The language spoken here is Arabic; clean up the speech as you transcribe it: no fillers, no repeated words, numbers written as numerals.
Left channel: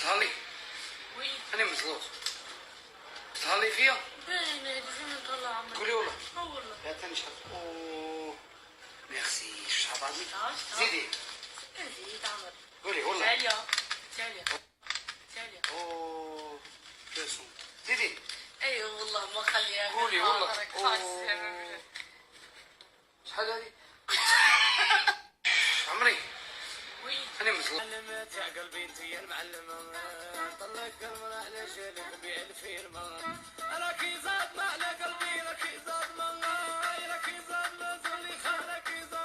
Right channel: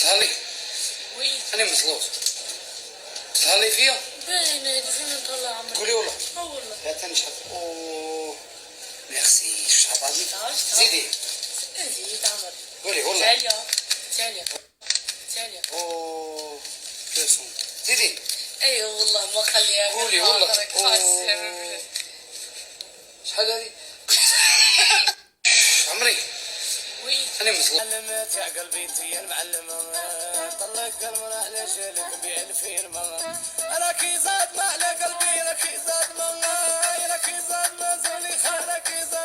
تهلي وي انا مزلوط تهلي فيها باين هادي فين نطلع عمري قولي والله والله لا تاني شحال اوه ميرسي شحال غادي زيدي زيد عمري قولي والله ثانية اوه كاسون زيدي ايوه والله ما خليها قولي والله خاسر شحال هادي عمري وي انا مزلوط علمت يا قلبي انت يا المعلمة طلق المرأة على جالك بالفيرما انا كي زاد ما على قلبي انا كي زاد ما زولي خالك كي زاد